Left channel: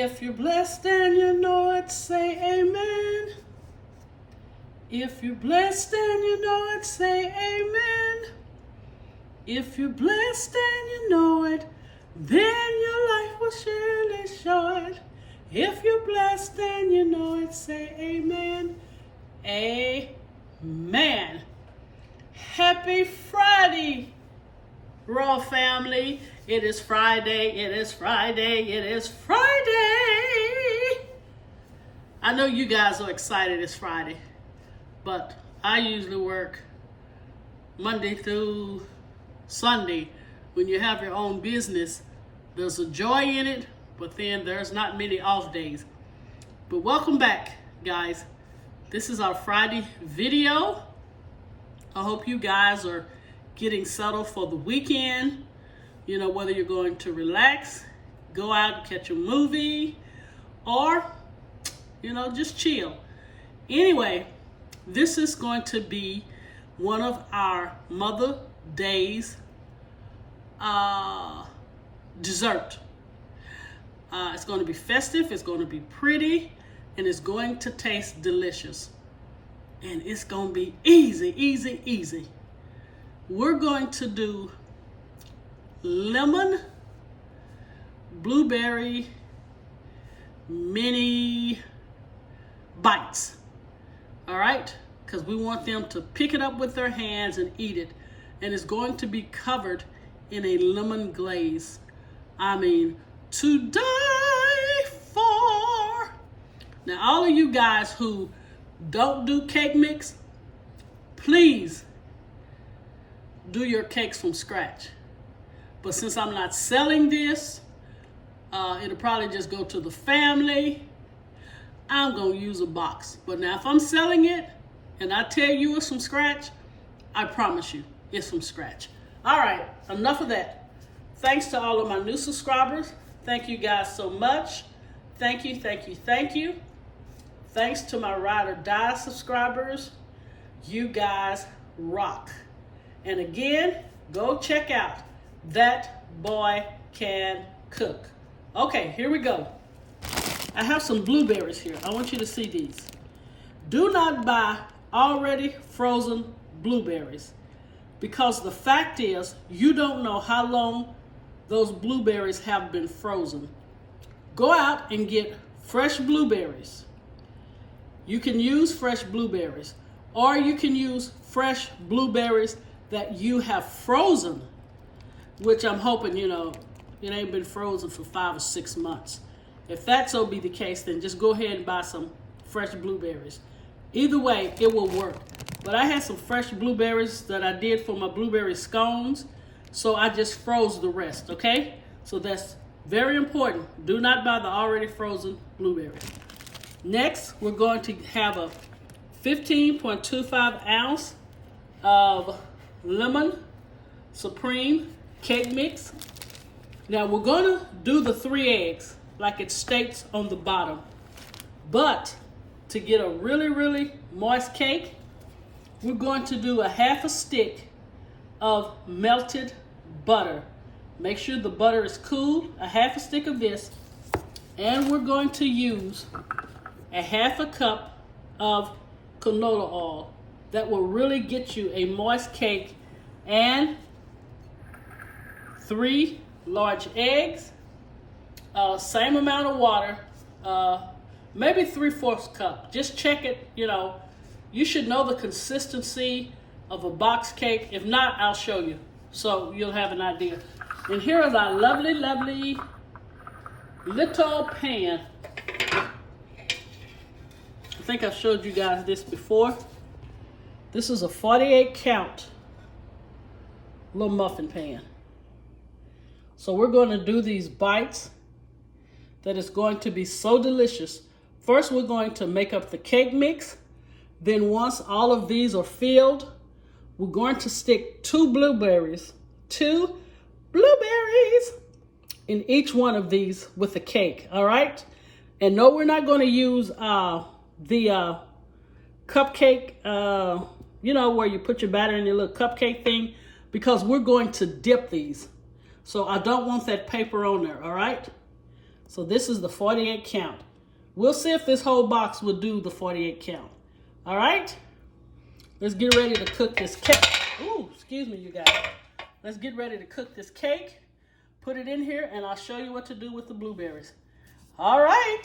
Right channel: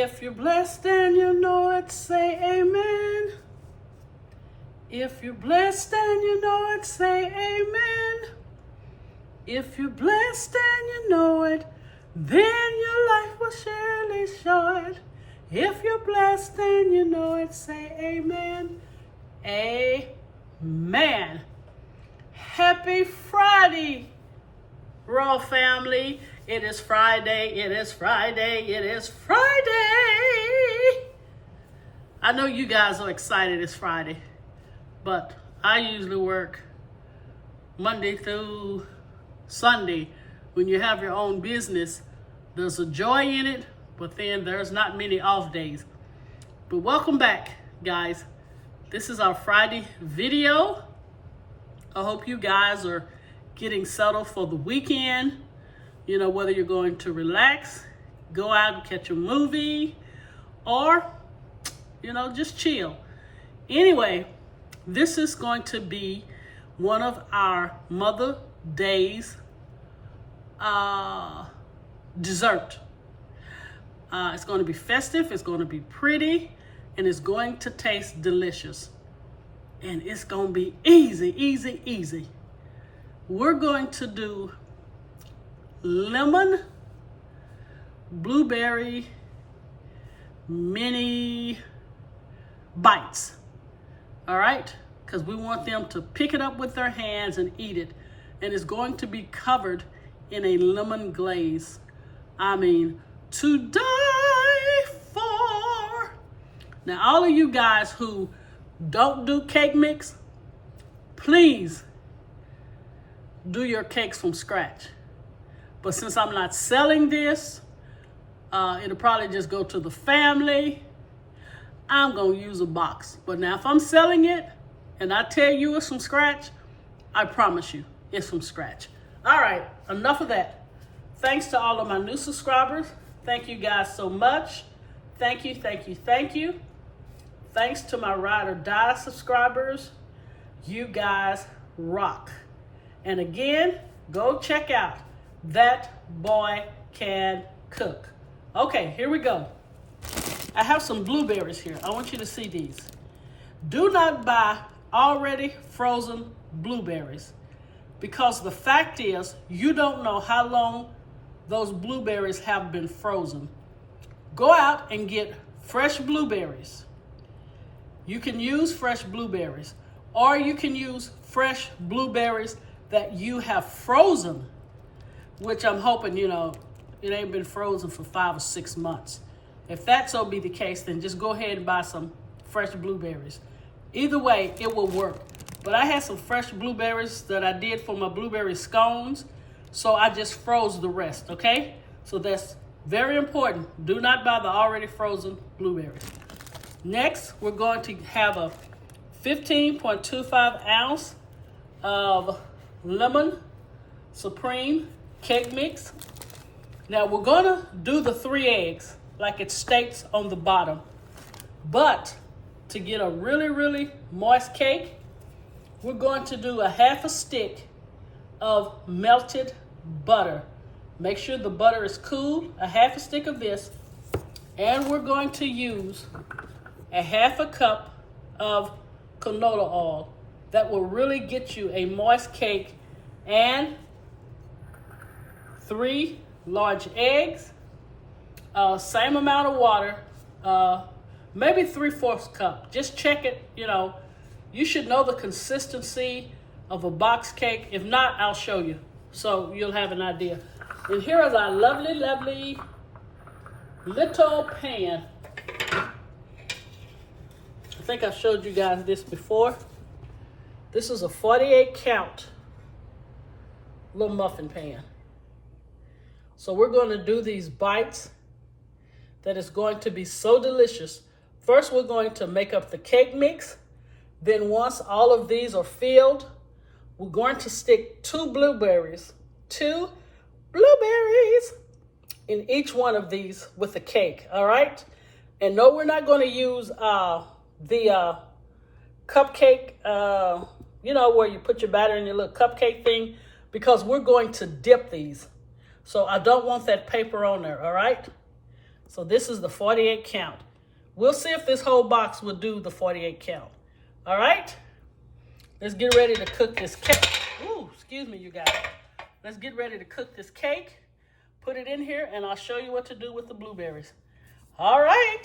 If you're blessed and you know it, say amen. If you're blessed and you know it, say amen. If you're blessed and you know it, then your life will surely show it. If you're blessed and you know it, say amen. Amen. Happy Friday, Raw family. It is Friday, it is Friday, it is Friday. I know you guys are excited it's Friday, but I usually work Monday through Sunday. When you have your own business, there's a joy in it, but then there's not many off days. But welcome back, guys. This is our Friday video. I hope you guys are getting settled for the weekend. You know, whether you're going to relax, go out and catch a movie, or, you know, just chill. Anyway, this is going to be one of our Mother Days dessert. It's going to be festive, it's going to be pretty, and it's going to taste delicious. And it's going to be easy, easy, easy. We're going to do lemon blueberry mini bites. All right? Because we want them to pick it up with their hands and eat it. And it's going to be covered in a lemon glaze. I mean, to die for. Now, all of you guys who don't do cake mix, please do your cakes from scratch. But since I'm not selling this, it'll probably just go to the family. I'm going to use a box. But now if I'm selling it and I tell you it's from scratch, I promise you it's from scratch. All right, enough of that. Thanks to all of my new subscribers. Thank you guys so much. Thank you, thank you, thank you. Thanks to my Ride or Die subscribers. You guys rock. And again, go check out That Boy Can Cook. Okay, here we go. I have some blueberries here. I want you to see these. Do not buy already frozen blueberries, because the fact is you don't know how long those blueberries have been frozen. Go out and get fresh blueberries. You can use fresh blueberries, or you can use fresh blueberries that you have frozen, which I'm hoping, you know, it ain't been frozen for 5 or 6 months. If that's so be the case, then just go ahead and buy some fresh blueberries. Either way, it will work. But I had some fresh blueberries that I did for my blueberry scones, so I just froze the rest, okay? So that's very important. Do not buy the already frozen blueberries. Next, we're going to have a 15.25 ounce of lemon supreme cake mix. Now we're gonna do the 3 eggs like it states on the bottom, but to get a really, really moist cake, we're going to do a ½ a stick of melted butter. Make sure the butter is cool, a ½ a stick of this, and we're going to use a ½ a cup of canola oil. That will really get you a moist cake, and 3 large eggs, same amount of water, maybe 3/4 cup. Just check it, you know. You should know the consistency of a box cake. If not, I'll show you, so you'll have an idea. And here is our lovely, lovely little pan. I think I showed you guys this before. This is a 48 count little muffin pan. So we're going to do these bites that is going to be so delicious. First, we're going to make up the cake mix. Then once all of these are filled, we're going to stick 2 blueberries in each one of these with the cake, all right? And no, we're not going to use the cupcake, you know, where you put your batter in your little cupcake thing, because we're going to dip these. So I don't want that paper on there, all right? So this is the 48 count. We'll see if this whole box will do the 48 count. All right? Let's get ready to cook this cake. Ooh, excuse me, you guys. Let's get ready to cook this cake. Put it in here, and I'll show you what to do with the blueberries. All right,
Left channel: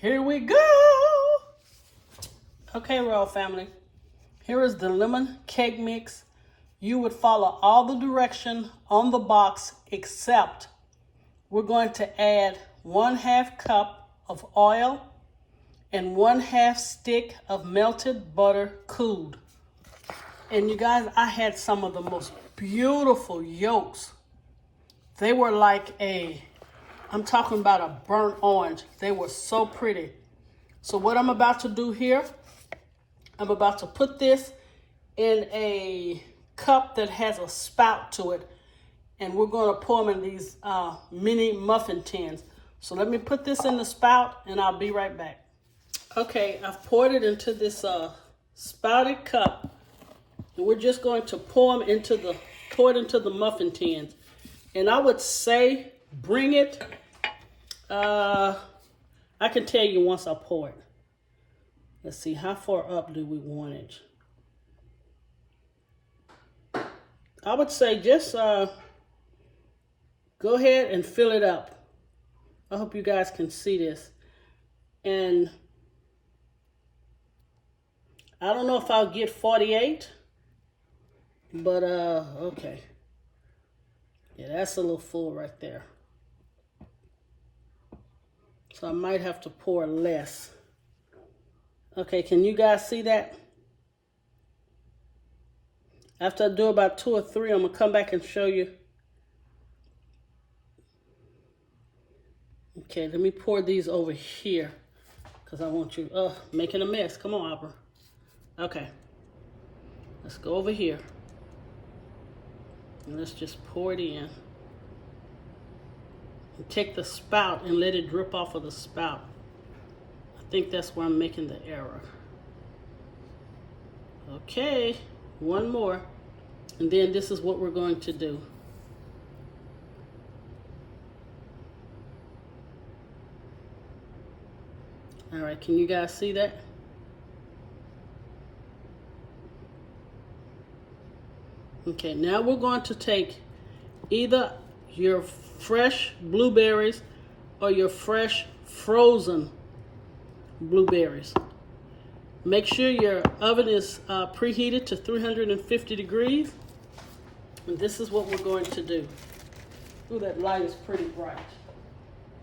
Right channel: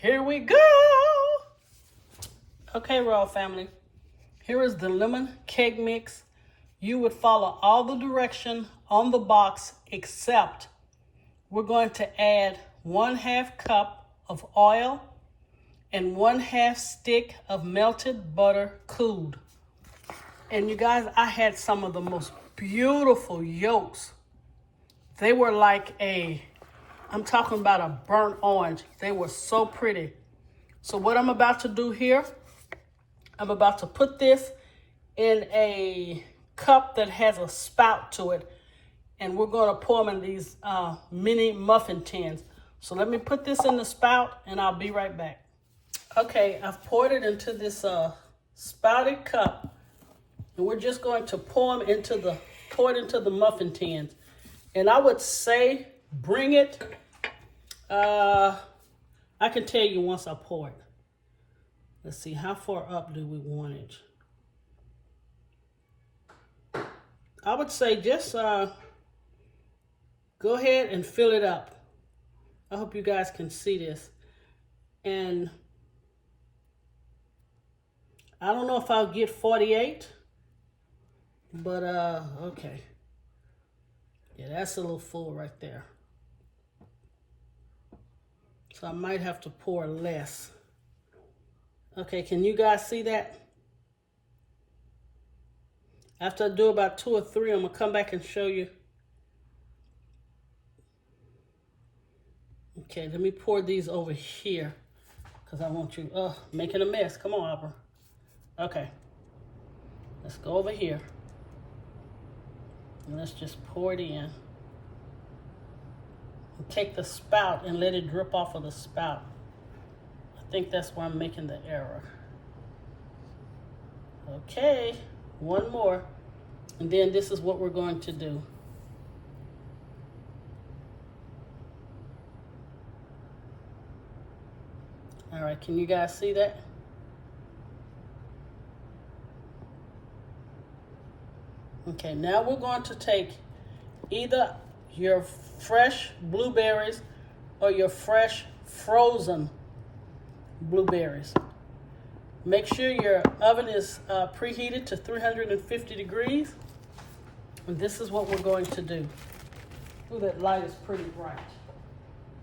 here we go. Okay, Royal Family, here is the lemon cake mix. You would follow all the directions on the box, except we're going to add 1/2 cup of oil and 1/2 stick of melted butter cooled. And you guys, I had some of the most beautiful yolks. They were like I'm talking about a burnt orange. They were so pretty. So what I'm about to do here, I'm about to put this in a cup that has a spout to it. And we're going to pour them in these mini muffin tins. So let me put this in the spout and I'll be right back. Okay, I've poured it into this spouted cup. And we're just going to pour it into the muffin tins. And I would say bring it, I can tell you once I pour it. Let's see, how far up do we want it? I would say just go ahead and fill it up. I hope you guys can see this. And I don't know if I'll get 48, but okay. Yeah, that's a little full right there. So I might have to pour less. Okay, can you guys see that? After I do about 2 or 3, I'm going to come back and show you. Okay, let me pour these over here because I want you making a mess. Come on, Opera. Okay, let's go over here. And let's just pour it in. And take the spout and let it drip off of the spout. I think that's where I'm making the error. Okay, one more. And then this is what we're going to do. All right, can you guys see that? Okay, now we're going to take either your fresh blueberries or your fresh frozen blueberries. Make sure your oven is preheated to 350 degrees. And this is what we're going to do. Ooh, that light is pretty bright.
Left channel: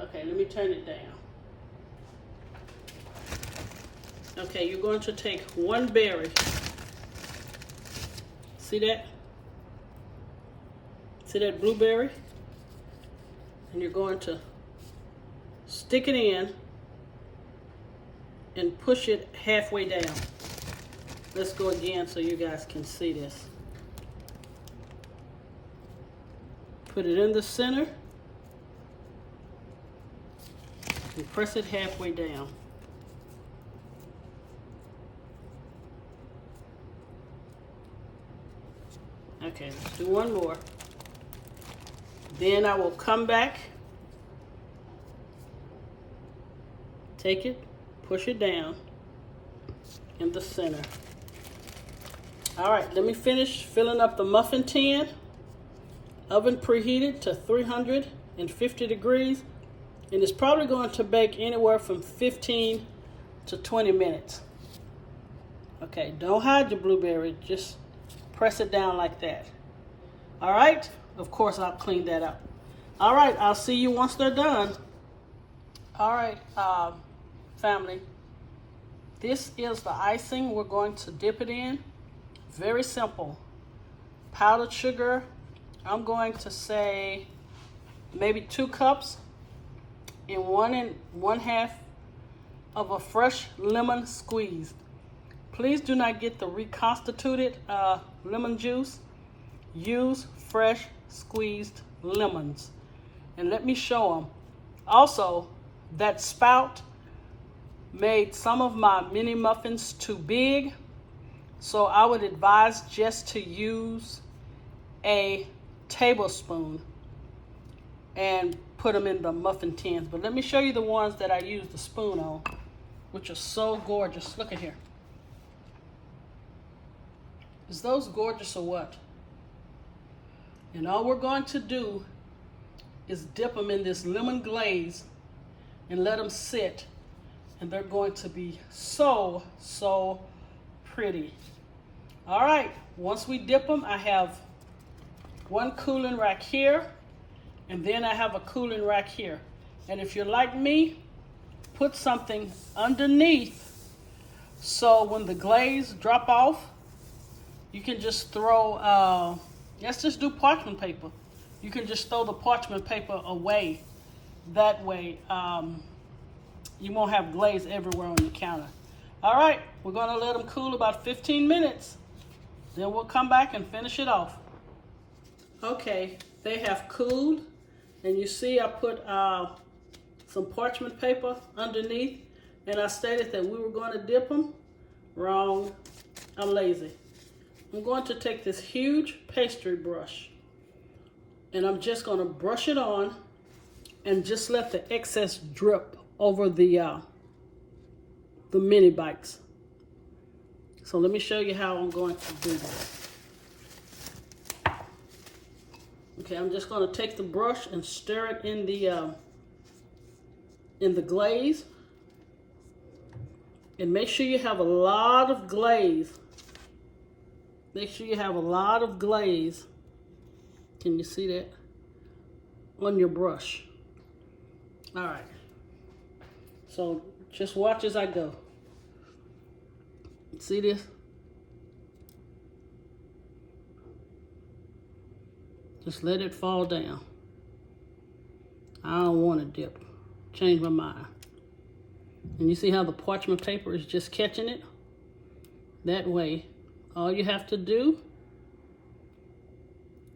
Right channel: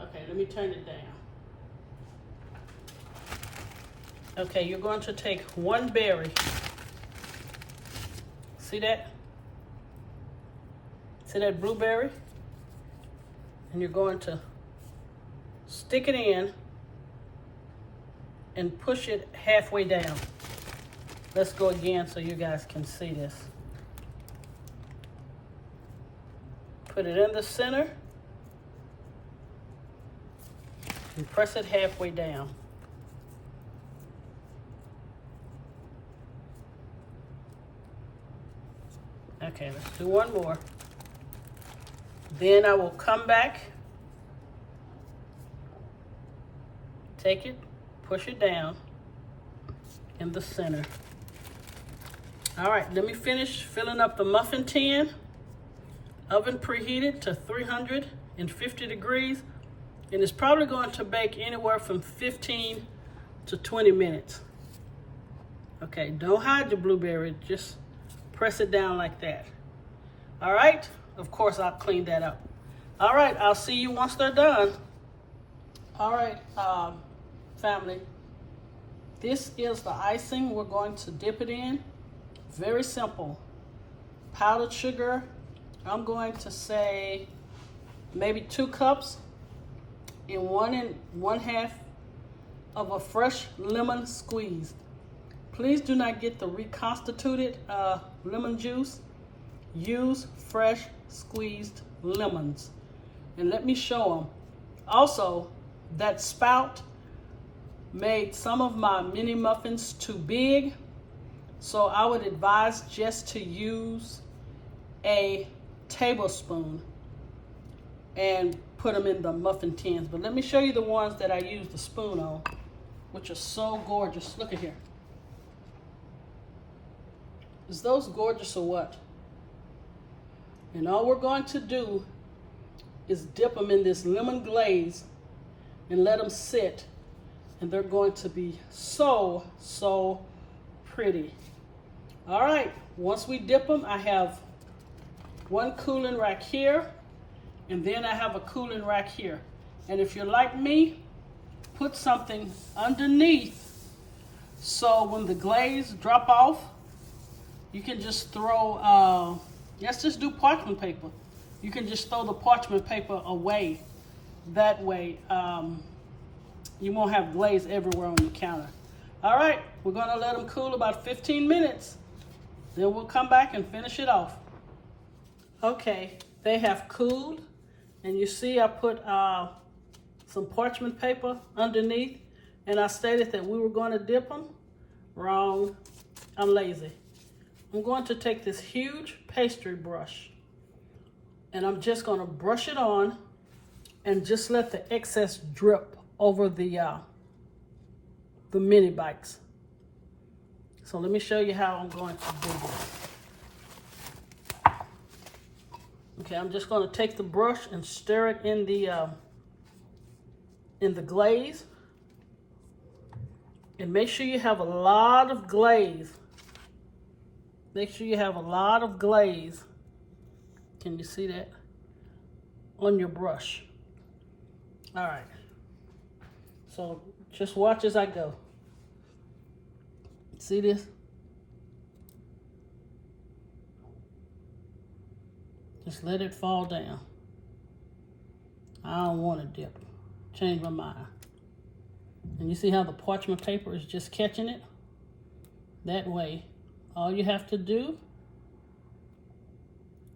Okay, let me turn it down. Okay, you're going to take 1 berry. See that? See that blueberry? And you're going to stick it in and push it halfway down. Let's go again so you guys can see this. Put it in the center and press it halfway down. Okay, let's do one more. Then I will come back, take it, push it down in the center. All right, let me finish filling up the muffin tin. Oven preheated to 350 degrees, and it's probably going to bake anywhere from 15 to 20 minutes. Okay, don't hide your blueberry, just press it down like that. All right, of course I'll clean that up. All right, I'll see you once they're done. All right, family, this is the icing we're going to dip it in. Very simple. Powdered sugar, I'm going to say maybe 2 cups and 1/2 of a fresh lemon squeezed. Please do not get the reconstituted lemon juice. Use fresh squeezed lemons. And let me show them. Also, that spout made some of my mini muffins too big. So I would advise just to use a tablespoon and put them in the muffin tins. But let me show you the ones that I use the spoon on, which are so gorgeous. Look at here. Is those gorgeous or what? And all we're going to do is dip them in this lemon glaze and let them sit. And they're going to be so, so pretty. All right, once we dip them, I have one cooling rack here, and then I have a cooling rack here. And if you're like me, put something underneath so when the glaze drop off, you can just throw, let's just do parchment paper. You can just throw the parchment paper away. That way, you won't have glaze everywhere on your counter. All right, we're gonna let them cool about 15 minutes. Then we'll come back and finish it off. Okay, they have cooled. And you see I put some parchment paper underneath. And I stated that we were gonna dip them. Wrong, I'm lazy. I'm going to take this huge pastry brush and I'm just gonna brush it on and just let the excess drip over the mini bites. So let me show you how I'm going to do this. Okay, I'm just gonna take the brush and stir it in the glaze. And make sure you have a lot of glaze. Make sure you have a lot of glaze. Can you see that? On your brush. All right. So just watch as I go. See this? Just let it fall down. I don't want to dip. Change my mind. And you see how the parchment paper is just catching it? That way, all you have to do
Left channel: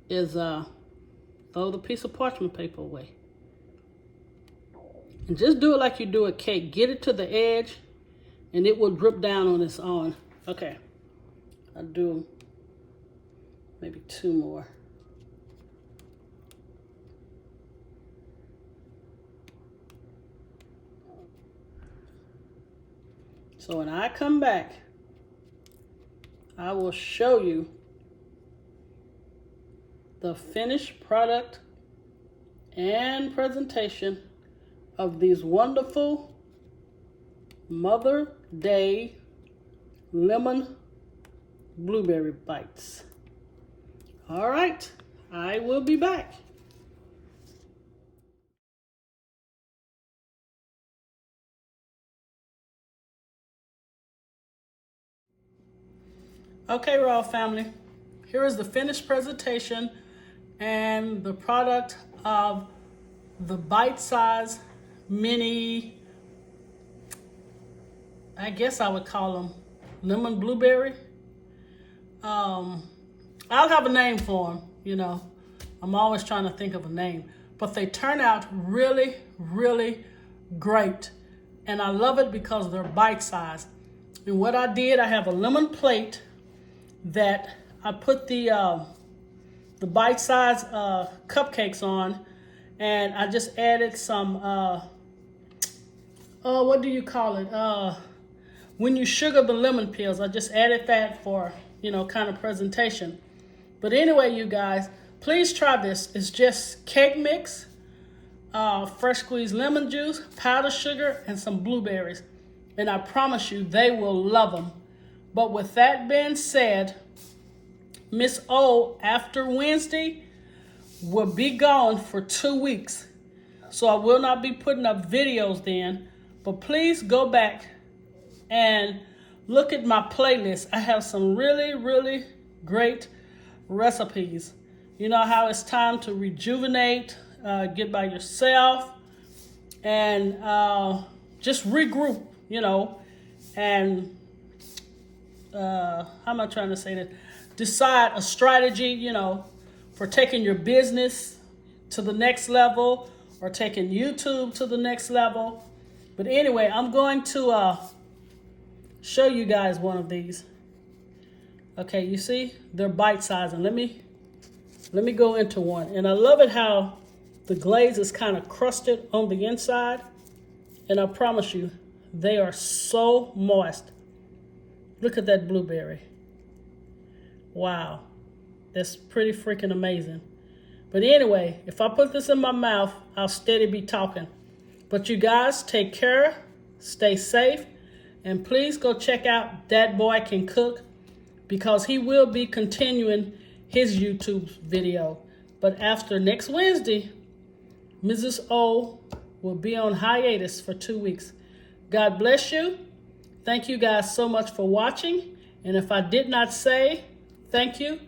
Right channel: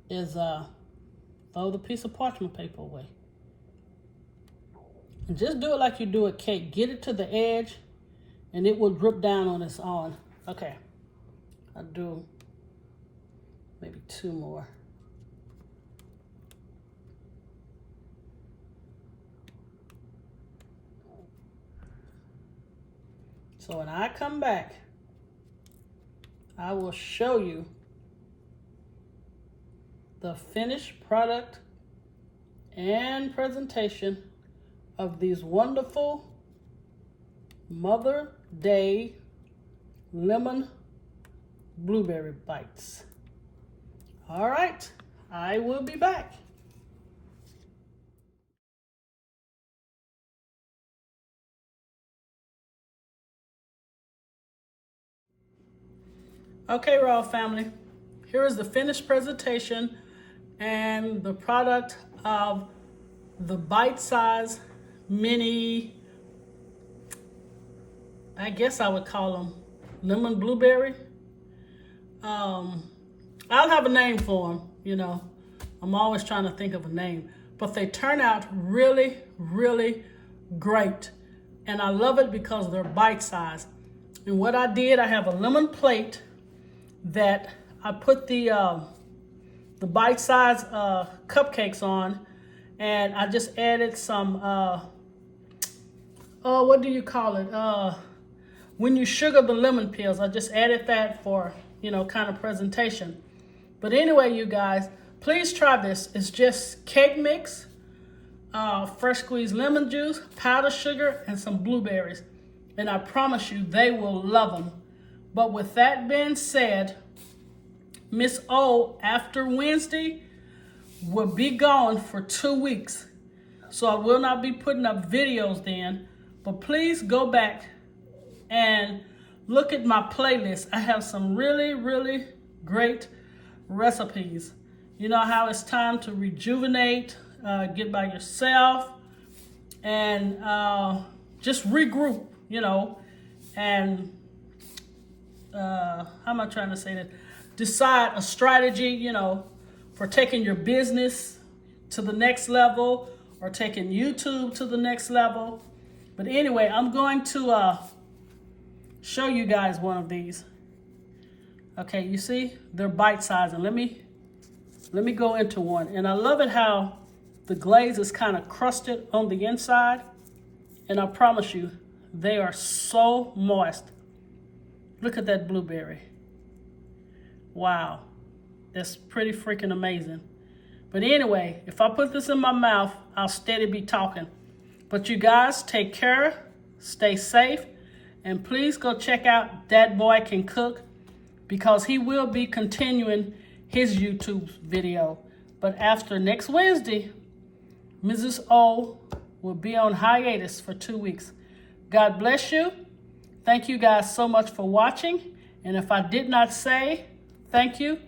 is throw the piece of parchment paper away. And just do it like you do a cake. Get it to the edge and it will drip down on its own. Okay, I'll do maybe 2 more. So when I come back, I will show you the finished product and presentation of these wonderful Mother Day lemon blueberry bites. All right, I will be back. Okay, Raw family, here is the finished presentation and the product of the bite-sized mini, I guess I would call them lemon blueberry. I'll have a name for them, you know. I'm always trying to think of a name, but they turn out really, really great. And I love it because they're bite-sized. And what I did, I have a lemon plate that I put the bite-sized cupcakes on, and I just added some, what do you call it? When you sugar the lemon peels, I just added that for, you know, kind of presentation. But anyway, you guys, please try this. It's just cake mix, fresh squeezed lemon juice, powdered sugar, and some blueberries. And I promise you, they will love them. But with that being said, Miss O, after Wednesday, will be gone for 2 weeks. So I will not be putting up videos then. But please go back and look at my playlist. I have some really, really great recipes. You know how it's time to rejuvenate, get by yourself, and just regroup, you know, and how am I trying to say that? Decide a strategy, you know, for taking your business to the next level or taking YouTube to the next level. But anyway, I'm going to show you guys one of these. Okay, you see, they're bite-sized, and let me go into one. And I love it how The glaze is kind of crusted on the inside, and I promise you, they are so moist. Look at that blueberry. Wow, that's pretty freaking amazing. But anyway, if I put this in my mouth, I'll steady be talking. But you guys take care, stay safe, and please go check out Dat Boy Can Cook, because he will be continuing his YouTube video. But after next Wednesday, Mrs. O will be on hiatus for 2 weeks. God bless you. Thank you guys so much for watching. And if I did not say thank you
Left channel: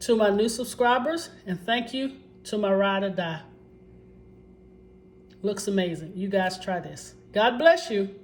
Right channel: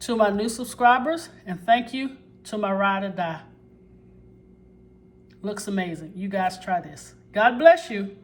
to my new subscribers, and thank you to my ride or die. Looks amazing. You guys try this. God bless you.